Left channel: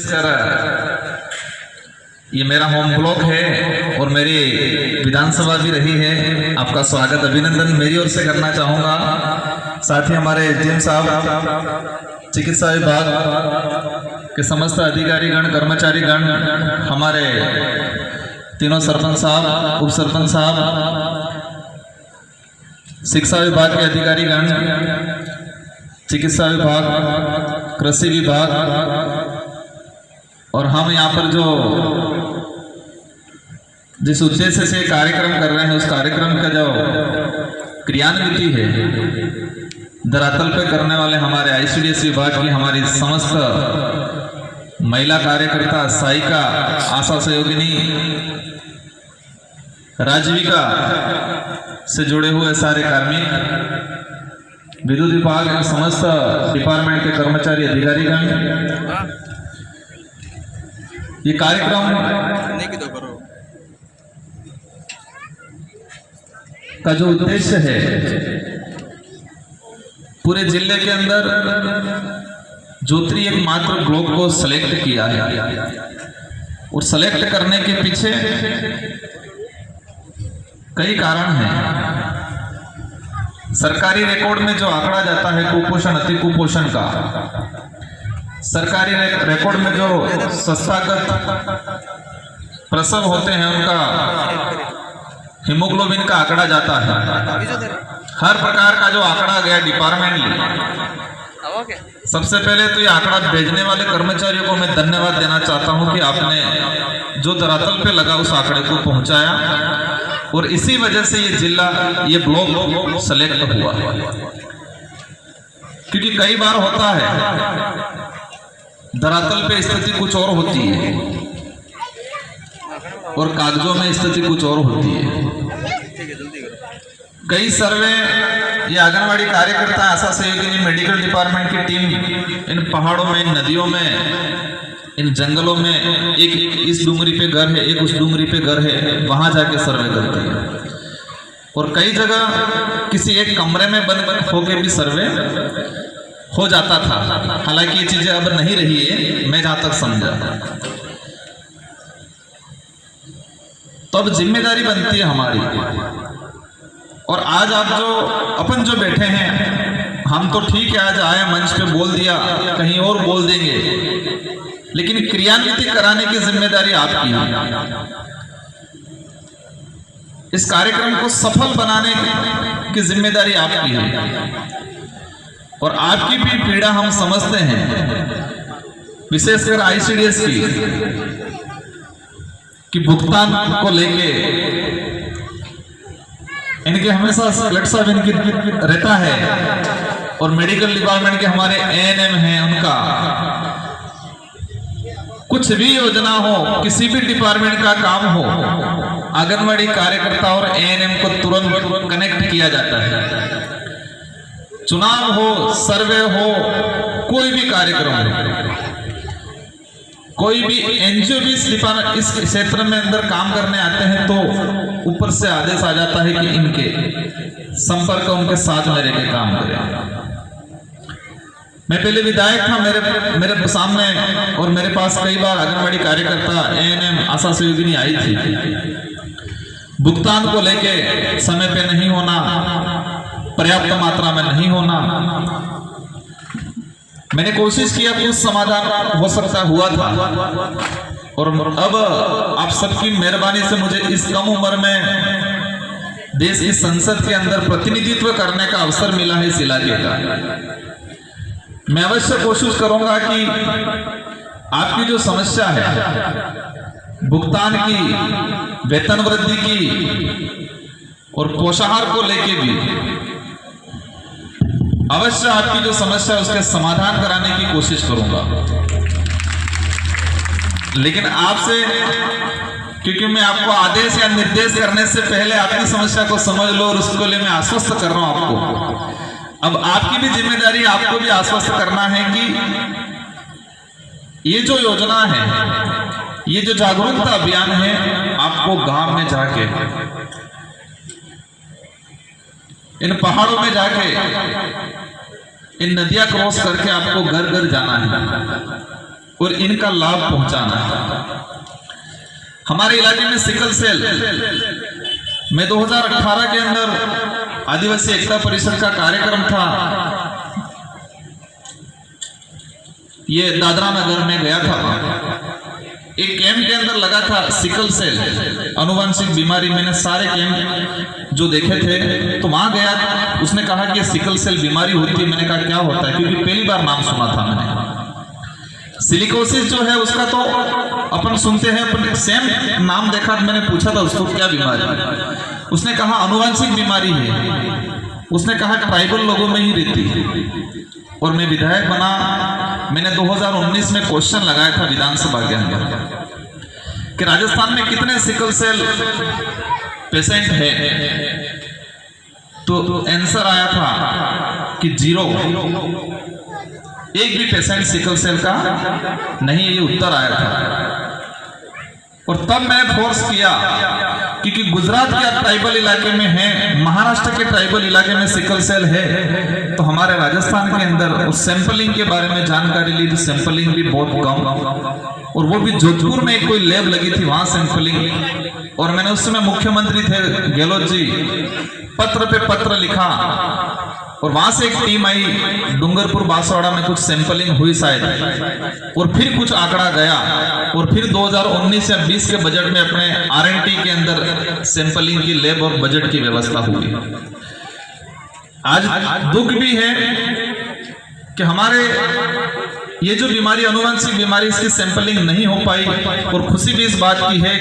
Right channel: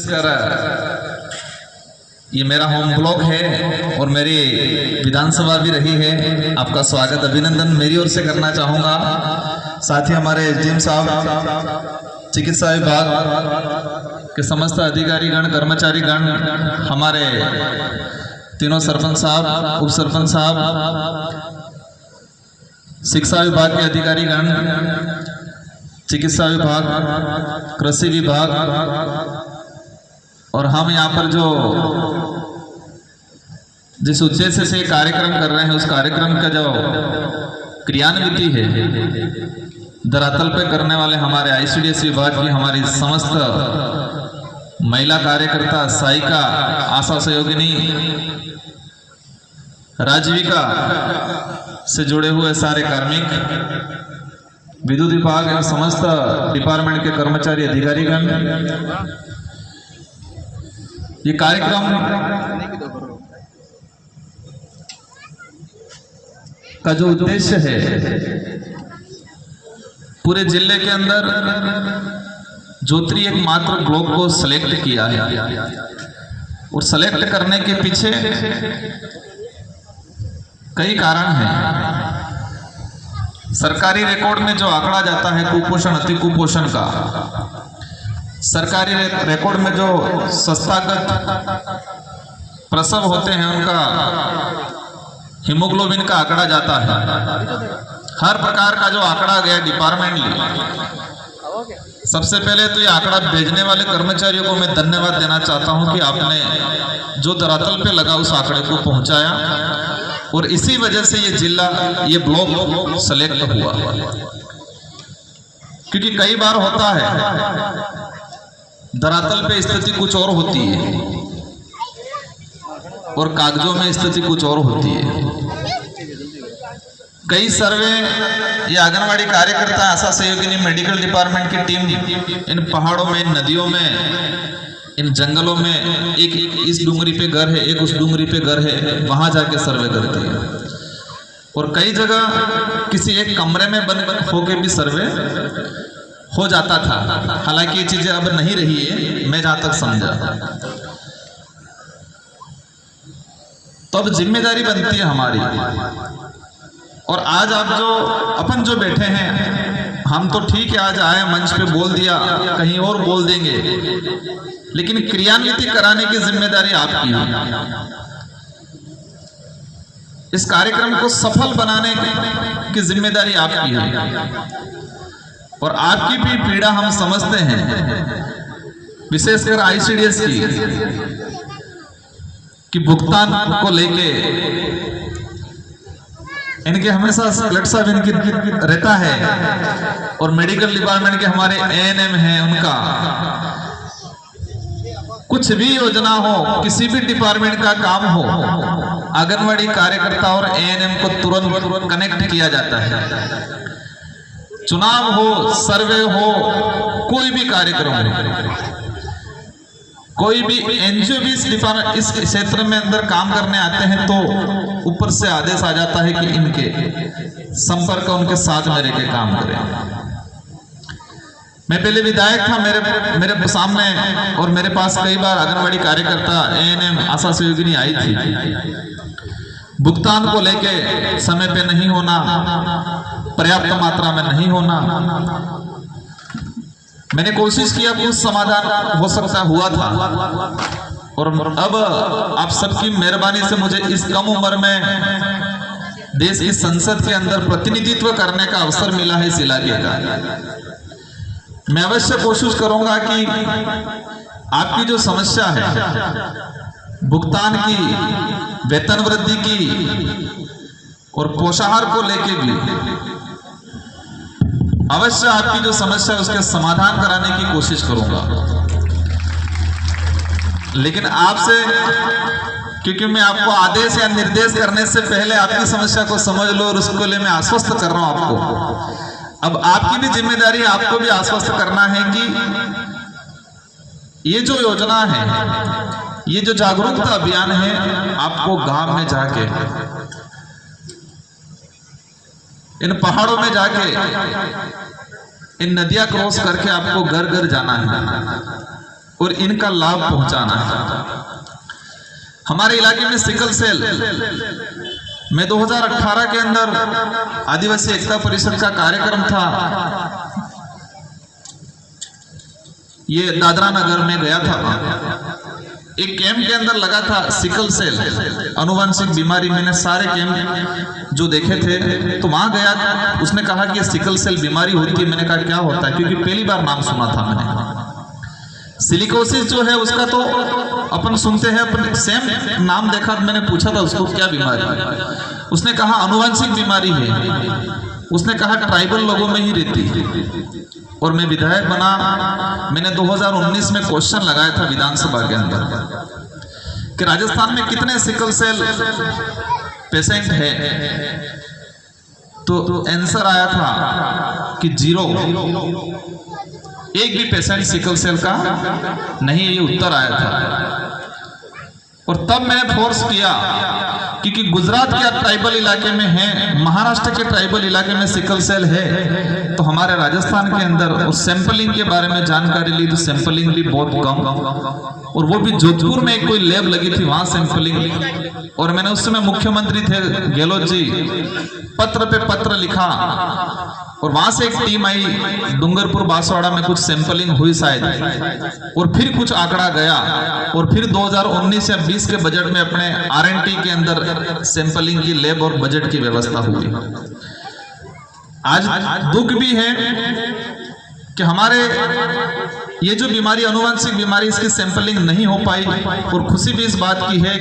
Sir, ये मेरा home block है और मेरी विधानसभा भी रही है। आपका स्वागत अभिनंदन मेरी ओर से करना चाहूँगा। साथ ही हमारे एसडीएम साहब, चिकित्सा विभाग के समस्त अधिकारीगण, कर्मचारीगण, हमारे तीनों सरपंच साहब, उप सरपंच साहब, शिक्षा विभाग के अधिकारीगण, चिकित्सा विभाग, कृषि विभाग, और हम यहाँ पर जो जिस उद्देश्य से कार्यक्रम कर रहे हैं उस कार्यक्रम का जो क्रियान्विति है धरातल पे करने वाले हमारे आईसीडीएस विभाग की हमारी समस्त महिला कार्यकर्ता, सहायिका, आशा सहयोगिनी, राजविका से जुड़े हुए सारे कार्मिक, विद्युत विभाग एवं समस्त डिपार्टमेंट के कर्मचारी, अधिकारीगण, ये कार्यक्रम का जो उद्देश्य है पूरे जिले के अंदर जोत्री एक मात्र ब्लॉक को सेलेक्ट किया है और सेलेक्ट करने के पीछे कई कारण हैं। सरकारी रिकॉर्ड में जो आंकड़ा जाता है कुपोषण, अति कुपोषण का, सरकारी रिकॉर्ड में जो संस्थागत प्रसव होते हैं उनका हीमोग्लोबिन का आंकड़ा जाता है, हर प्रकार का जो आंकड़ा गया डिपार्टमेंटली। सबसे पहले तो ये आंकड़ा भेजने वाले कर्मचारियों को मैं धन्यवाद देना चाहता हूं कि आपने जो धरातल पे लगा उस आंकड़े को पहुंचाया और इसी वजह से ये जिला, ये ब्लॉक सेलेक्ट हुआ। क्योंकि कई बार होता है धरातल पे स्थिति कुछ और होती है और कागजों में स्थिति कुछ और होती है। कई सर्वे ये आंगनवाड़ी कार्यकर्ता, आशा सहयोगिनी, मेडिकल डिपार्टमेंट की टीम इन पहाड़ों में, इन नदियों में, इन जंगलों में, एक इस डूंगरी पे घर है, एक उस डूंगरी पे घर है, वहां जाके सर्वे करती है। और कई जगह किसी एक कमरे में बंद होके भी सर्वे हो जाता था। हालांकि ये चीजें अब नहीं रही है, मैं जहां तक समझा। तो अब जिम्मेदारी बनती है हमारी। और आज आप जो अपन जो बैठे हैं, हम तो ठीक है आज आए मंच पे बोल दिया, कहीं और बोल देंगे, लेकिन क्रियान्विति कराने की जिम्मेदारी आपकी है। इस कार्यक्रम को सफल बनाने की जिम्मेदारी आपकी है और आपकी भी पीड़ा हम समझते हैं, विशेषकर आईसीडीएस की भुगतान को लेके इनके हमेशा ब्लड साहब इनकी रहता है और मेडिकल डिपार्टमेंट के हमारे एएनएम हैं, उनका कुछ भी योजना हो, किसी भी डिपार्टमेंट का काम हो, आंगनवाड़ी कार्यकर्ता और एएनएम को तुरंत कनेक्ट किया जाता है। चुनाव हो, सर्वे हो, कोई भी कार्यक्रम हो, कोई भी एनजीओ भी इस क्षेत्र में अंदर काम करने आते हैं तो ऊपर से आदेश आ जाता है कि इनके संपर्क उनके साथ में रह के काम करें। मैं पहले विधायक था, मेरे सामने और मेरे पास कई बार आंगनवाड़ी कार्यकर्ता, एएनएम, आशा सहयोगिनी आई थी। भुगतान को लेके समय पे नहीं होना, पर्याप्त मात्रा में नहीं होना, मैंने कोशिश किया, कुछ समाधान हो सकता हुआ था। और अब आप सबकी मेहरबानी से मुझे इस कम उम्र में देश की संसद के अंदर प्रतिनिधित्व करने का अवसर मिला है इस इलाके का। मैं अवश्य कोशिश करूंगा कि आपकी जो समस्या है भुगतान की, वेतन वृद्धि की और पोषाहार को लेके भी अवश्य आपकी जो समस्या है उसके समाधान कराने की कोशिश करूंगा। लेकिन आपसे, क्योंकि मैं आपको आदेश या निर्देश करने से पहले आपकी समस्या को समझ लो और उसके लिए मैं आश्वस्त कर रहा हूं आपको। अब आपकी भी जिम्मेदारी, आपको भी आश्वस्त करना है कि ये जो योजना है, ये जो जागरूकता अभियान है, आपको गांव में जाके, इन पहाड़ों में जाके, इन नदियां क्रॉस करके आपको घर घर जाना है। और इनका लाभ पहुंचाना। हमारे इलाके में सिकल सेल में 2018 के अंदर आदिवासी एकता परिषद का कार्यक्रम था। ये दादरा नगर में गया था, एक कैंप के अंदर लगा था सिकल सेल अनुवांशिक बीमारी। मैंने सारे कैंप जो देखे थे तो वहां गया, उसने कहा कि सिकल सेल बीमारी होती है। मैंने कहा क्या होता है, क्योंकि पहली बार नाम सुना था मैंने। सिलिकोसिस जो है उसका तो अपन सुनते हैं, अपन सेम नाम देखा, मैंने पूछा था उसको क्या बीमारी है, उसने कहा अनुवांशिक बीमारी है। उसने कहा ट्राइबल लोगों में ही रहती है। और मैं विधायक बना, मैंने 2019 में क्वेश्चन लगाया था विधानसभा के अंदर कि राजस्थान में कितने सिकल सेल पेशेंट है, तो आंसर आया था कि 0, एक भी पेशेंट सिकल सेल का नहीं, ये उत्तर आया था। और तब मैंने फोर्स किया, क्योंकि गुजरात के ट्राइबल इलाके में है, महाराष्ट्र के ट्राइबल इलाके में सिकल सेल है, तो हमारे राजस्थान के अंदर उस सैंपलिंग के बारे में जानकारी ली तो सैंपलिंग भी बहुत कम, और वो भी जोधपुर में कोई लैब लगी थी वहां सैंपलिंग। और मैंने उस समय मुख्यमंत्री थे गहलोत जी, पत्र पे पत्र लिखा और वहां से एक टीम आई, डूंगरपुर बांसवाड़ा में कुछ सैंपलिंग हुई शायद, और फिर कुछ आंकड़ा गया, और फिर 2019 या 20 के बजट में अपने R&T के अंदर सैंपलिंग की लैब और बजट की व्यवस्था हुई। आज दुख भी है कि हमारे ये जो बीमारी अनुवांशिक बीमारी, इसकी सैंपलिंग नहीं हो पाई, और खुशी भी इस बात की है